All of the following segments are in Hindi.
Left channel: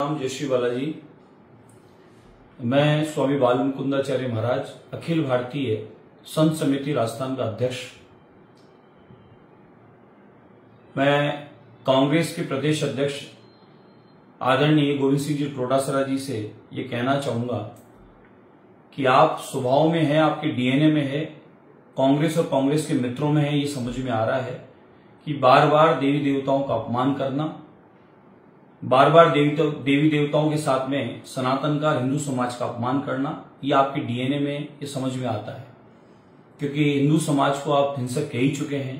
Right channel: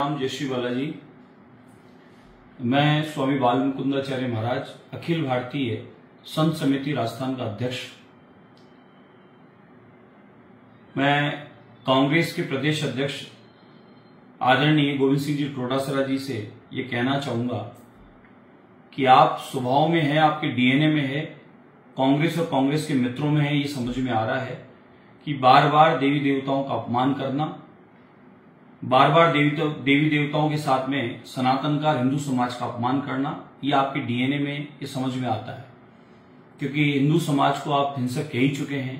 राम जय श्री बालाजी। मैं स्वामी बाल मुकुंदाचार्य महाराज अखिल भारतीय संत समिति राजस्थान का अध्यक्ष। मैं कांग्रेस के प्रदेश अध्यक्ष आदरणीय गोविंद सिंह जी टोडासरा जी से ये कहना चाहूंगा कि आप स्वभाव में है, आपके डीएनए में है, कांग्रेस और कांग्रेस के मित्रों में है। ये समझ में आ रहा है कि बार बार देवी देवताओं का अपमान करना, बार बार देवी देवताओं के साथ में सनातन का हिंदू समाज का अपमान करना, ये आपके डीएनए में ये समझ में आता है। क्योंकि हिंदू समाज को आप हिंसक कह ही चुके हैं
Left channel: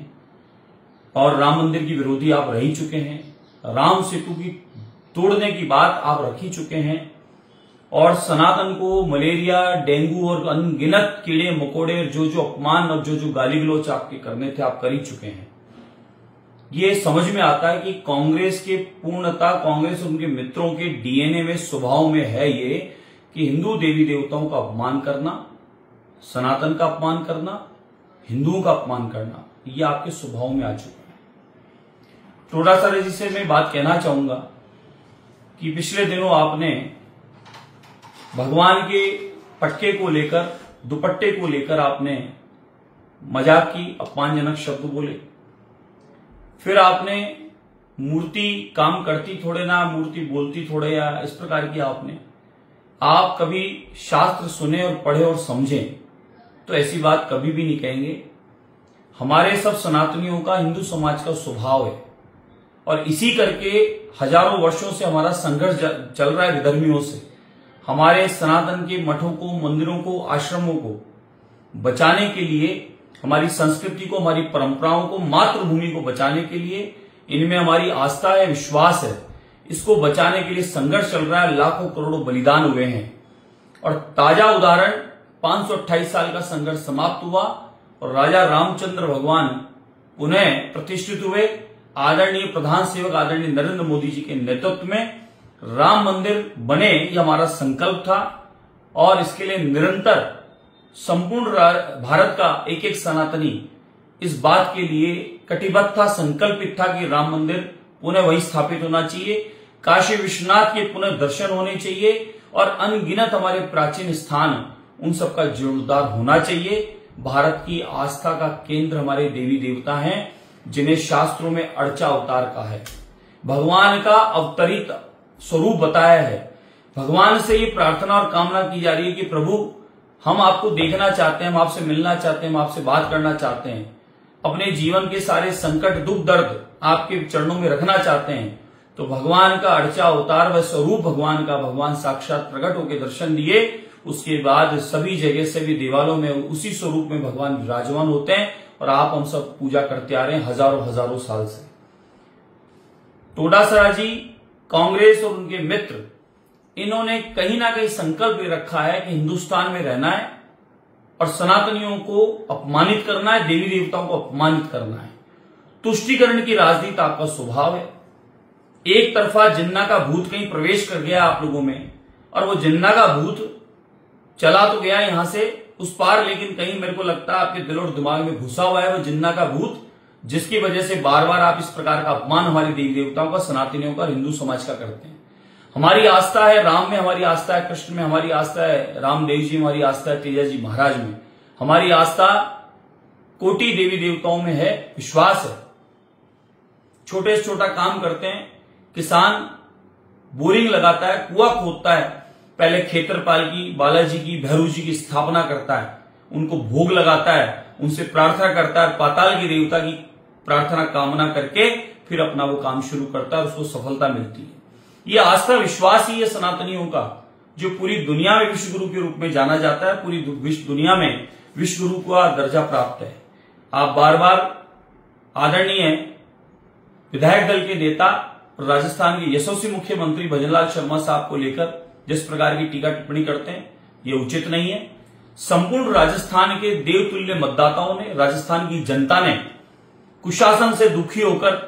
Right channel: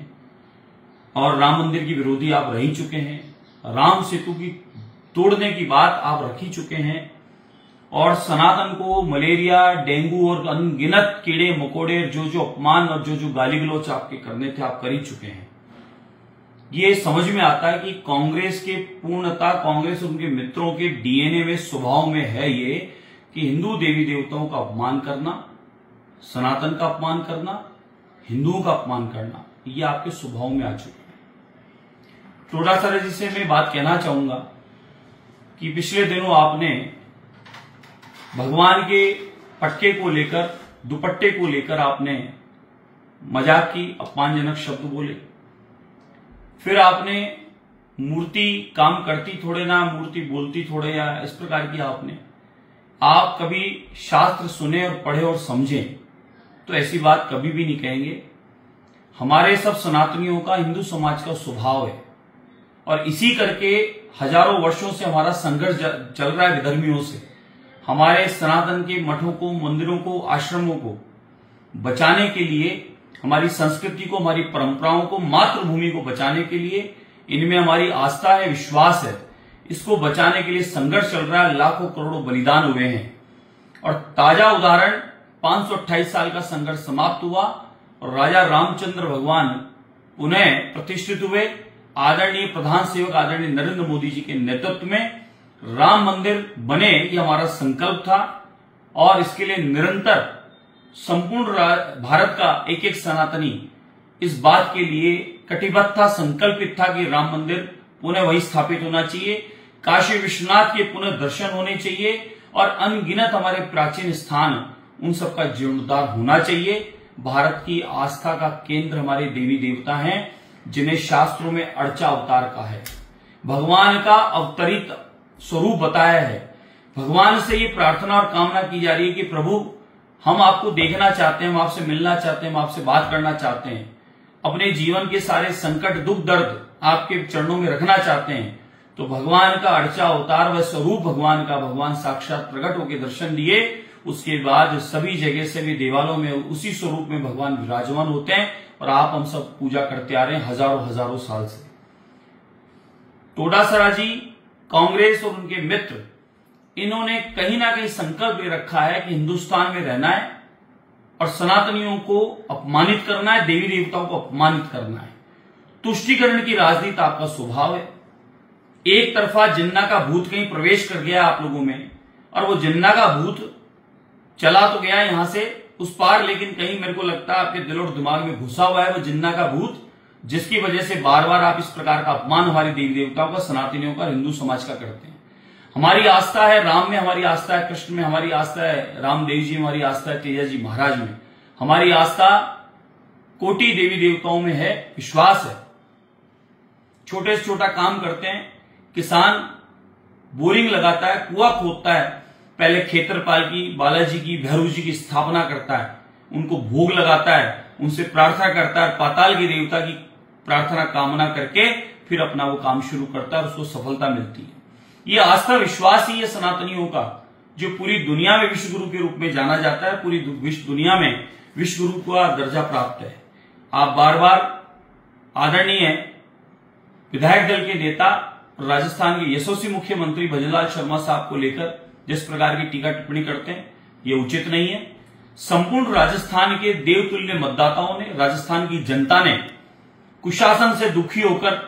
और राम मंदिर की विरोधी आप रह ही चुके हैं, राम सेतु की तोड़ने की बात आप रख ही चुके हैं और सनातन को मलेरिया, डेंगू और अनगिनत कीड़े मकोड़े जो अपमान और जो गाली गलौच आपके करने थे आप कर ही चुके हैं। ये समझ में आता है कि कांग्रेस के पूर्णता, कांग्रेस उनके मित्रों के डीएनए में, स्वभाव में है ये कि हिंदू देवी देवताओं का अपमान करना, सनातन का अपमान करना, हिंदुओं का अपमान करना, ये आपके स्वभाव में आ चुके हैं। टोडासरा जी से मैं बात कहना चाहूंगा कि पिछले दिनों आपने भगवान के पटके को लेकर, दुपट्टे को लेकर आपने मजाक की, अपमानजनक शब्द बोले। फिर आपने मूर्ति काम करती थोड़े ना, मूर्ति बोलती थोड़े, या इस प्रकार की आप कभी शास्त्र सुने और पढ़े और समझें तो ऐसी बात कभी भी नहीं कहेंगे। हमारे सब सनातनियों का, हिंदू समाज का स्वभाव है और इसी करके हजारों वर्षों से हमारा संघर्ष चल रहा है विधर्मियों से। हमारे सनातन के मठों को, मंदिरों को, आश्रमों को बचाने के लिए, हमारी संस्कृति को, हमारी परंपराओं को, मातृभूमि को बचाने के लिए, इनमें हमारी आस्था है, विश्वास है, इसको बचाने के लिए संघर्ष चल रहा है। लाखों करोड़ों बलिदान हुए हैं और ताजा उदाहरण 528 साल का संघर्ष समाप्त हुआ और राजा रामचंद्र भगवान पुनः प्रतिष्ठित हुए। आदरणीय प्रधान सेवक आदरणीय नरेंद्र मोदी जी के नेतृत्व में राम मंदिर बने, ये हमारा संकल्प था और इसके लिए निरंतर संपूर्ण भारत का एक एक सनातनी इस बात के लिए कटिबद्ध था, संकल्पित था कि राम मंदिर पुनः वही स्थापित होना चाहिए, काशी विश्वनाथ के पुनः दर्शन होने चाहिए और अनगिनत हमारे प्राचीन स्थान, उन सबका जीर्णोद्धार होना चाहिए। भारत की आस्था का केंद्र हमारे देवी देवता हैं, जिन्हें शास्त्रों में अर्चा अवतार कहा है, भगवान का अवतरित स्वरूप बताया है। भगवान से ये प्रार्थना और कामना की जा रही है कि प्रभु, हम आपको देखना चाहते हैं, हम आपसे मिलना चाहते हैं, हम आपसे बात करना चाहते हैं, अपने जीवन के सारे संकट, दुख, दर्द आपके चरणों में रखना चाहते हैं। तो भगवान का अर्चा अवतार व स्वरूप भगवान का, भगवान साक्षात प्रकट होकर दर्शन दिए। उसके बाद सभी जगह से भी देवालयों में उसी स्वरूप में भगवान विराजमान होते हैं और आप हम सब पूजा करते आ रहे हैं हजारों साल से। टोडासरा जी, कांग्रेस और उनके मित्र, इन्होंने कहीं ना कहीं संकल्प ले रखा है कि हिंदुस्तान में रहना है और सनातनियों को अपमानित करना है, देवी देवताओं को अपमानित करना है। तुष्टीकरण की राजनीति आपका स्वभाव है। एक तरफा जिन्ना का भूत कहीं प्रवेश कर गया आप लोगों में और वो जिन्ना का भूत चला तो गया यहां से उस पार, लेकिन कहीं मेरे को लगता है आपके दिल और दिमाग में घुसा हुआ है वो जिन्ना का भूत, जिसकी वजह से बार बार आप इस प्रकार का अपमान हमारी देवी देवताओं का, सनातनियों का, हिंदू समाज का करते हैं। हमारी आस्था है राम में, हमारी आस्था है कृष्ण में, हमारी आस्था है रामदेव जी, हमारी आस्था है तेजा जी महाराज में, हमारी आस्था कोटि देवी देवताओं में है, विश्वास है। छोटे से छोटा काम करते हैं, किसान बोरिंग लगाता है, कुआं खोदता है, पहले खेतरपाल की, बालाजी की, भैरव जी की स्थापना करता है, उनको भोग लगाता है, उनसे प्रार्थना करता है, पाताल की देवता की प्रार्थना कामना करके फिर अपना वो काम शुरू करता है, उसको सफलता मिलती है। ये आस्था विश्वास ही है सनातनियों का, जो पूरी दुनिया में विश्व गुरु के रूप में जाना जाता है, पूरी दुनिया में विश्व गुरु का दर्जा प्राप्त है। आप बार बार आदरणीय विधायक दल के नेता, राजस्थान के यशस्वी मुख्यमंत्री भजनलाल शर्मा साहब को लेकर जिस प्रकार की टीका टिप्पणी करते हैं, ये उचित नहीं है। संपूर्ण राजस्थान के देवतुल्य मतदाताओं ने, राजस्थान की जनता ने कुशासन से दुखी होकर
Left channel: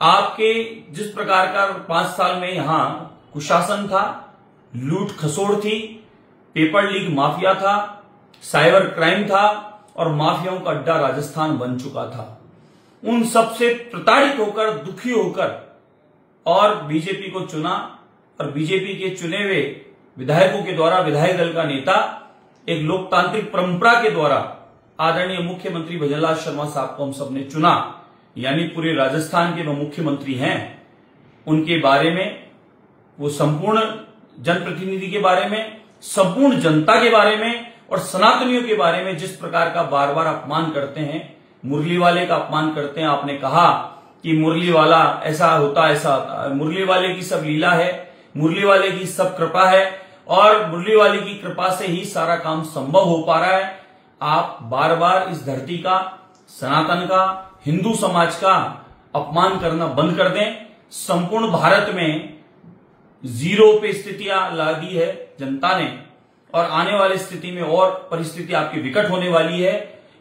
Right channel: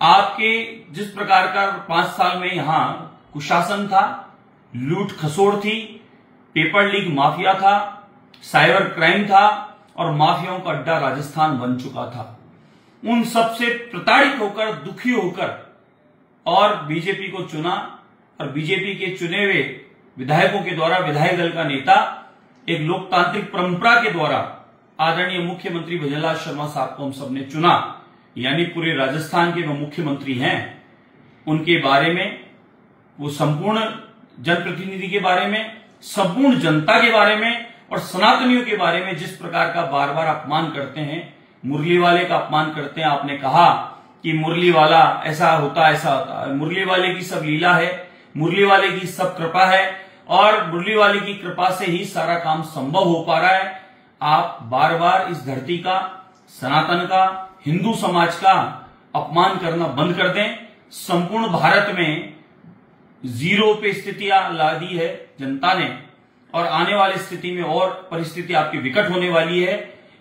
आपके जिस प्रकार का 5 साल में यहां कुशासन था, लूट खसोड़ थी, पेपर लीक माफिया था, साइबर क्राइम था और माफियाओं का अड्डा राजस्थान बन चुका था, उन सबसे प्रताड़ित होकर, दुखी होकर और बीजेपी को चुना और बीजेपी के चुने हुए विधायकों के द्वारा, विधायक दल का नेता एक लोकतांत्रिक परंपरा के द्वारा आदरणीय मुख्यमंत्री भजनलाल शर्मा साहब को हम सबने चुना, यानी पूरे राजस्थान के वो मुख्यमंत्री हैं, उनके बारे में, वो संपूर्ण जनप्रतिनिधि के बारे में, संपूर्ण जनता के बारे में और सनातनियों के बारे में जिस प्रकार का बार बार अपमान करते हैं, मुरली वाले का अपमान करते हैं। आपने कहा कि मुरली वाला ऐसा होता, ऐसा होता, मुरली वाले की सब लीला है, मुरली वाले की सब कृपा है और मुरली वाले की कृपा से ही सारा काम संभव हो पा रहा है। आप बार बार इस धरती का, सनातन का, हिंदू समाज का अपमान करना बंद कर दें। संपूर्ण भारत में जीरो पे स्थितियां ला दी है जनता ने और आने वाली स्थिति में और परिस्थिति आपकी विकट होने वाली है।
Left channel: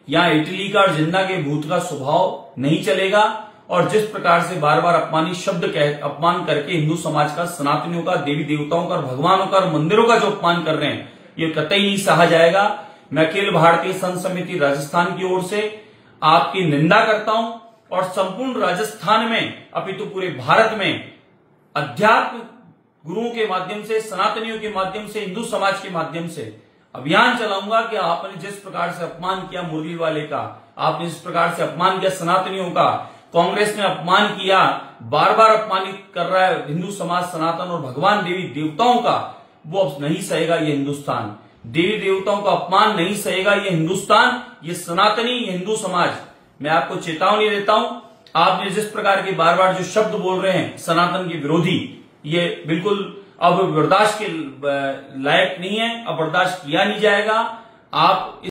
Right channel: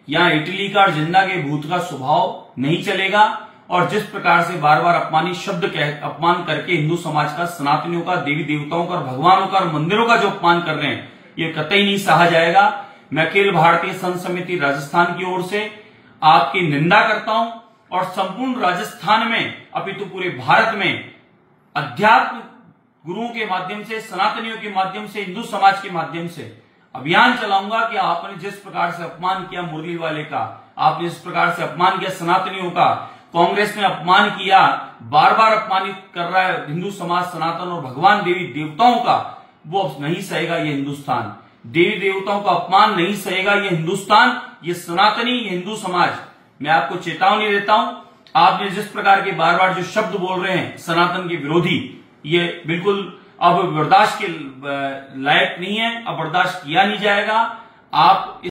यहां इटली का और जिन्ना के भूत का स्वभाव नहीं चलेगा और जिस प्रकार से बार बार अपमानित शब्द अपमान करके हिंदू समाज का, सनातनियों का, देवी देवताओं का, भगवानों का और मंदिरों का जो अपमान कर रहे हैं, ये कतई नहीं सहा जाएगा। मैं अखिल भारतीय संत समिति राजस्थान की ओर से आपकी निंदा करता हूं और संपूर्ण राजस्थान में, अपितु पूरे भारत में अध्यात्म गुरुओं के माध्यम से, सनातनियों के माध्यम से, हिंदू समाज के माध्यम से अभियान चलाऊंगा कि आपने जिस प्रकार से अपमान किया मुरली वाले का, आपने जिस प्रकार से अपमान किया सनातनियों का, कांग्रेस ने अपमान किया, बार बार अपमानित कर रहा है हिंदू समाज, सनातन और भगवान देवी देवताओं का, वो अब नहीं सहेगा ये हिंदुस्तान। देवी देवताओं का अपमान नहीं सहेगा ये हिंदुस्तान, ये सनातनी, ये हिंदू समाज। मैं आपको चेतावनी देता हूं, आपने जिस प्रकार के बार बार जो शब्द बोल रहे हैं सनातन के विरोधी, ये बिल्कुल अब बर्दाश्त के लायक नहीं है, अब बर्दाश्त किया नहीं जाएगा। आप